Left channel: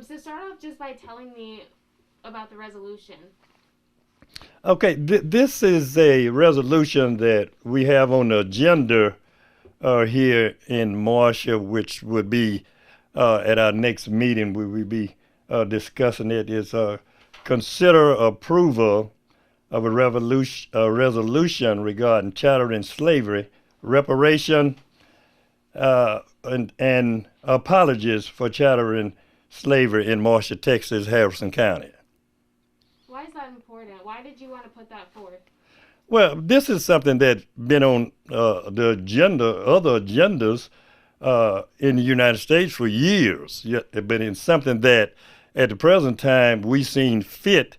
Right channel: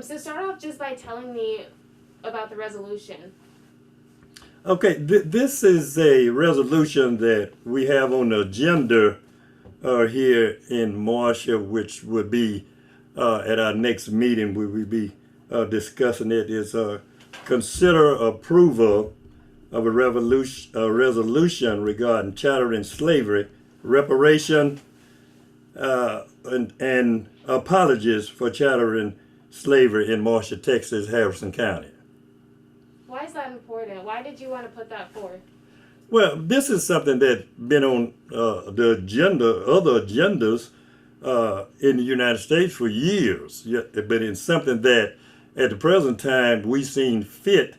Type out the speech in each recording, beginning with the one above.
So start off just by telling me about the resolution. Okay, this is a resolution that we have on the agenda here in Marshall, which would be at our next meeting. We will be discussing it. Is consider approval of a resolution regarding chattel and slavery, reparation, and apologies for chattel and slavery in Marshall, Texas, Harrison County. Why is that important? Why did you want to put that forth? Well, this is something that's been on the agenda, other agendas in the United States for years, but it's something that at the present time we seen fit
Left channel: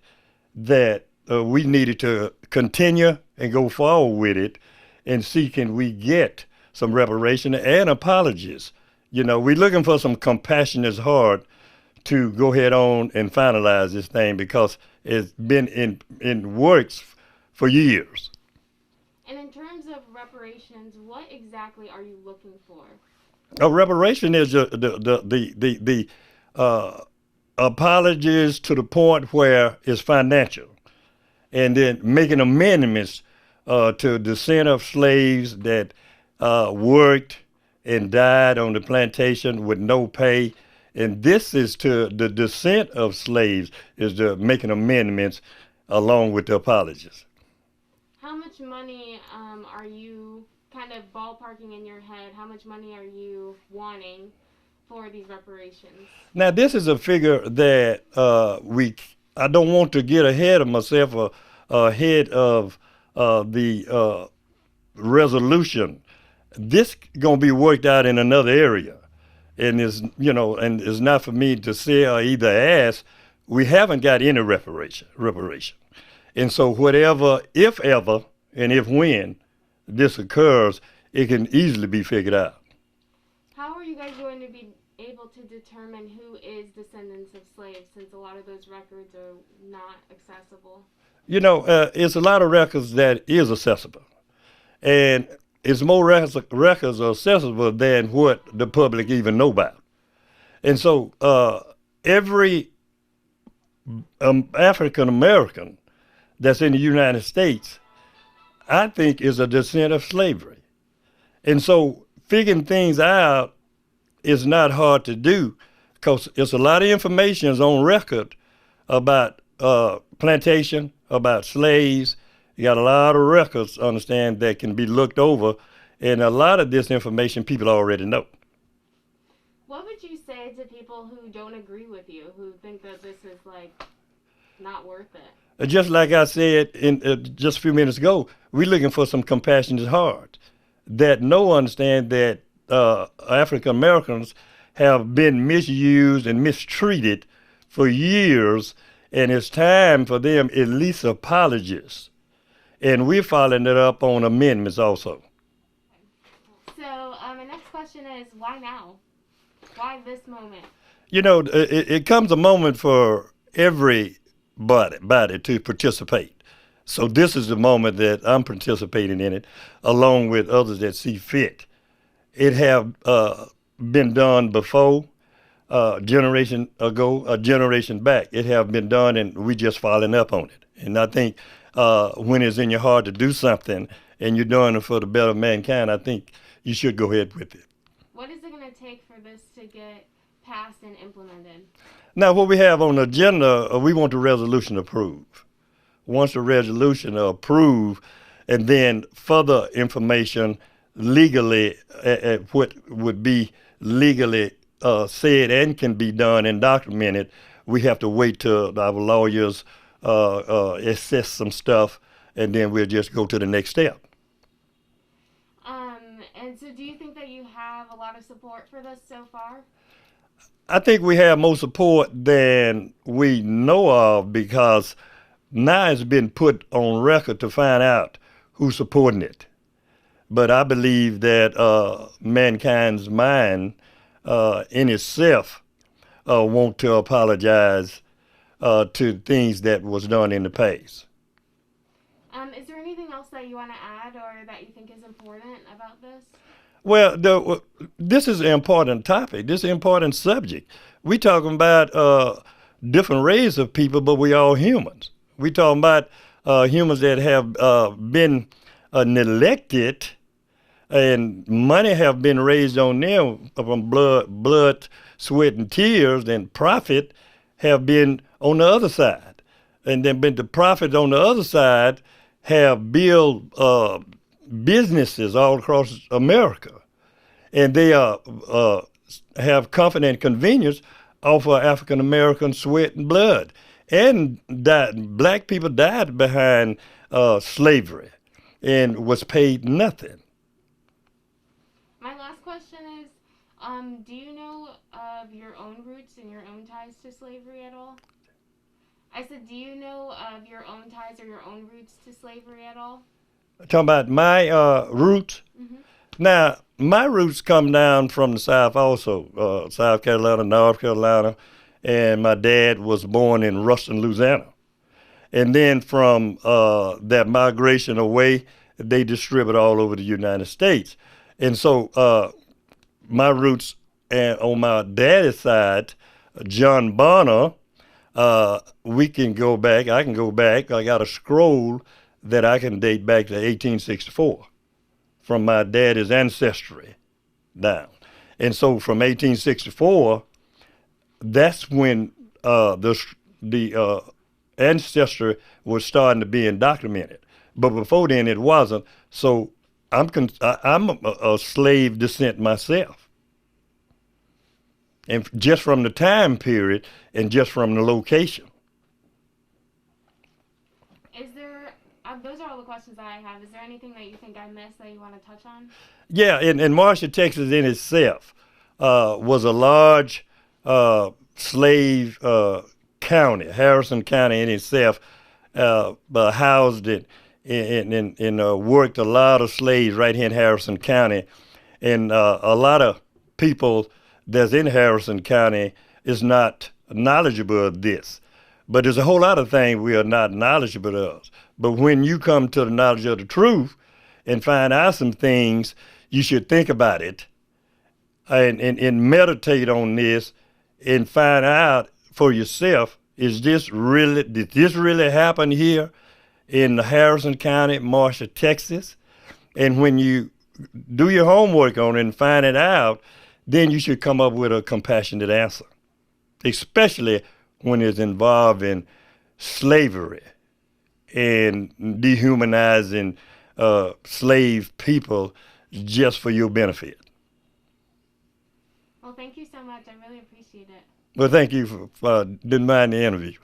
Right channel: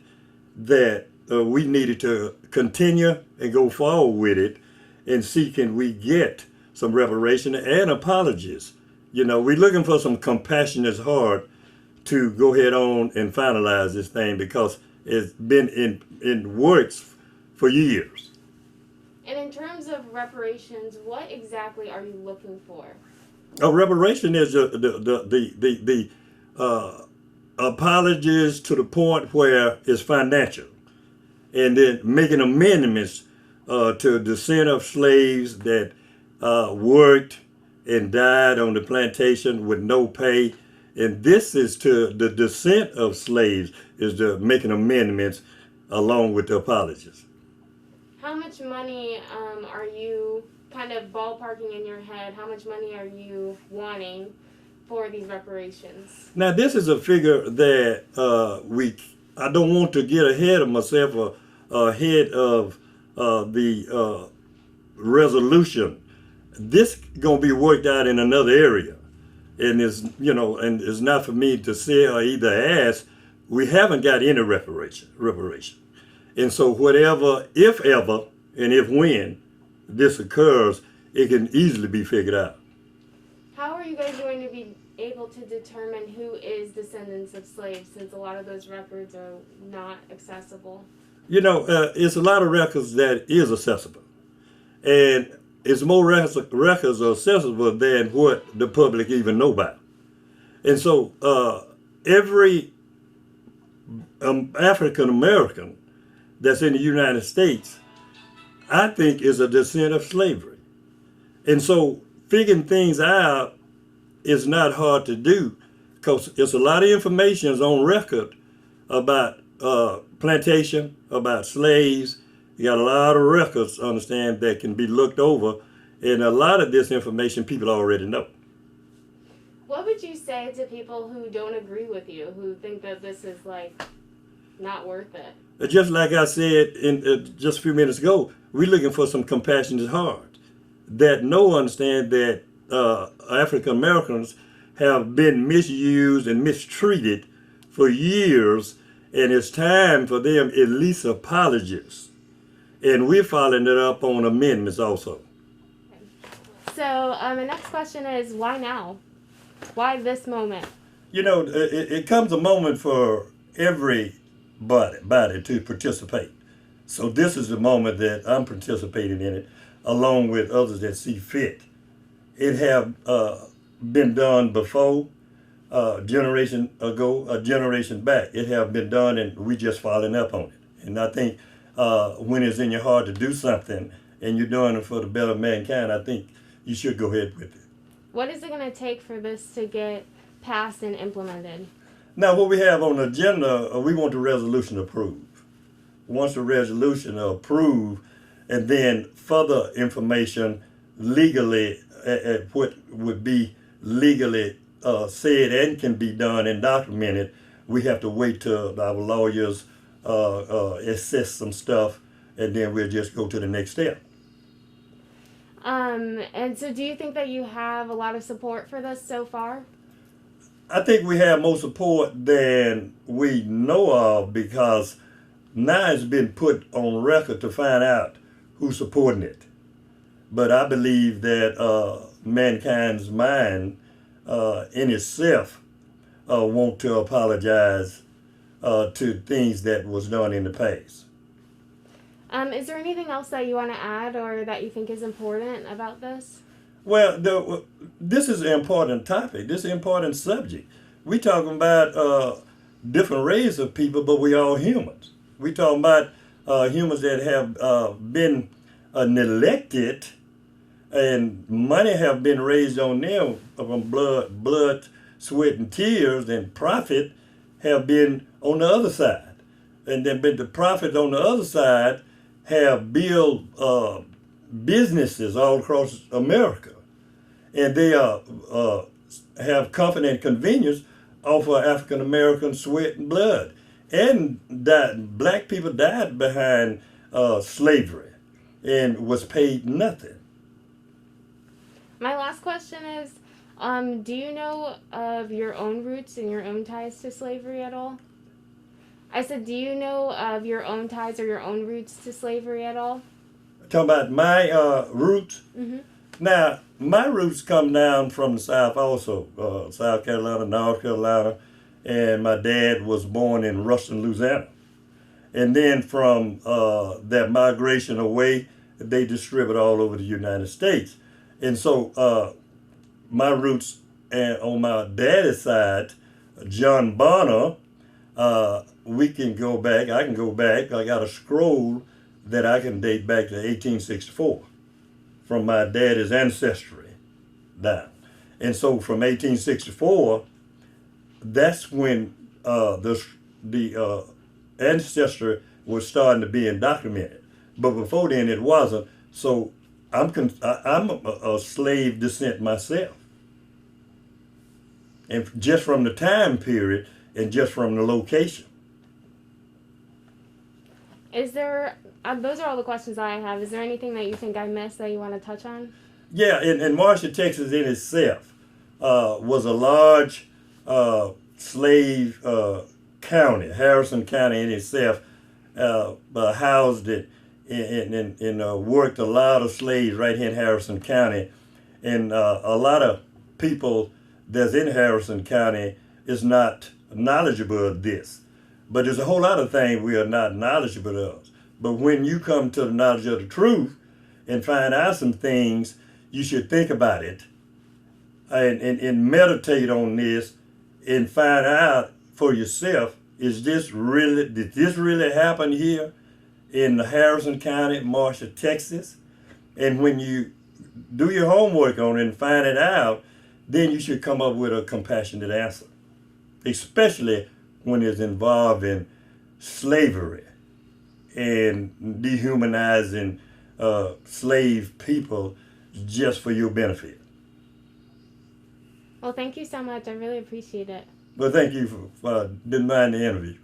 that we needed to continue and go forward with it and see can we get some reparation and apologies. You know, we're looking for some compassionate heart to go ahead on and finalize this thing because it's been in works for years. And in terms of reparations, what exactly are you looking for? Reparation is the apologies to the point where it's financial, and then making amendments to descent of slaves that worked and died on the plantation with no pay. And this is to the descent of slaves is the making amendments along with the apologies. How much money are you kind of ballparking in your head? How much money are you wanting for these reparations? Now, this is a figure that I don't want to get ahead of myself or ahead of the resolution. This gonna be worked out in another area, and it's not for me to say or either ask. We haven't got any reparation, and so whatever, if ever, and if when this occurs, it can easily be figured out. How are you guys going to be able to determine who is descendants of slaves, since a lot of those records are not accessible? You know, it's a lot of records that is accessible, and it's more records are accessible than what the public even know about. And so every African American that's in the United States, I think, is a descendant of slavery. And so figuring things out is not hard to do because it's a lot of information is on record about plantation, about slaves. You got a lot of records, understand, that can be looked over, and a lot of this information people already know. What would you say to people who don't agree with you, who think that this is like not worth it? Just like I said just a few minutes ago, we're looking for some compassionate heart that understand that African Americans have been misused and mistreated for years, and it's time for them at least apologies. And we're following it up on amendments also. So the next question is, why now? Why this moment? You know, it comes a moment for everybody to participate. So this is the moment that I'm participating in it, along with others that see fit. It have been done before, generation ago, a generation back. It have been done, and we just following up on it. And I think when it's in your heart to do something, and you're doing it for the better of mankind, I think you should go ahead with it. What is it going to take for this to get passed and implemented? Now, what we have on the agenda, we want the resolution approved. Once the resolution approved, and then further information legally, at what would be legally said and can be done and documented, we have to wait till our lawyers assess some stuff, and then we'll just go to the next step. And so do you think that you have a lot of support for this so far? I think we have more support than we know of because now it's been put on record to find out who's supporting it. But I believe that mankind's mind in itself want to apologize to things that was done in the past. Is there anything else that you want to add or that you think is important about this? Well, this is an important topic. This is an important subject We talking about different race of people, but we all humans. We talking about humans that have been neglected, and money have been raised on them from blood, sweat, and tears, and profit have been on the other side. And then the profit on the other side have built businesses all across America. And they have comfort and convenience off of African American sweat and blood. And black people died behind slavery and was paid nothing. My last question is, do you know of your own roots and your own ties to slavery at all? I said, do you know of your own ties or your own roots to slavery at all? Talking about my roots. Mm-hmm. Now, my roots come down from the South also, South Carolina, North Carolina, and my dad was born in Ruston, Louisiana. And then from that migration away, they distribute all over the United States. And so my roots on my daddy's side, John Bonner, we can go back, I can go back, I got a scroll that I can date back to 1864 from my daddy's ancestry down. And so from 1864, that's when the ancestry was starting to be documented. But before then it wasn't. So I'm a slave descent myself. And just from the time period and just from the location. Is there, those are all the questions I have. Is there anything that you think I missed that you want to touch on? Yeah, in Marshall, Texas in itself was a large slave county. Harrison County in itself housed it and worked a lot of slaves right here in Harrison County. And a lot of people that's in Harrison County is not knowledgeable of this. But there's a whole lot of things we are not knowledgeable of. But when you come to the knowledge of the truth and find out some things, you should think about it and meditate on this and find out for yourself, did this really happen here in Harrison County, Marshall, Texas? And when you do your homework on it and find it out, then you should come up with a compassionate answer, especially when it's involving slavery and dehumanizing slave people just for your benefit. Well, thank you so much. I really appreciate it. Well, thank you for didn't mind the interview.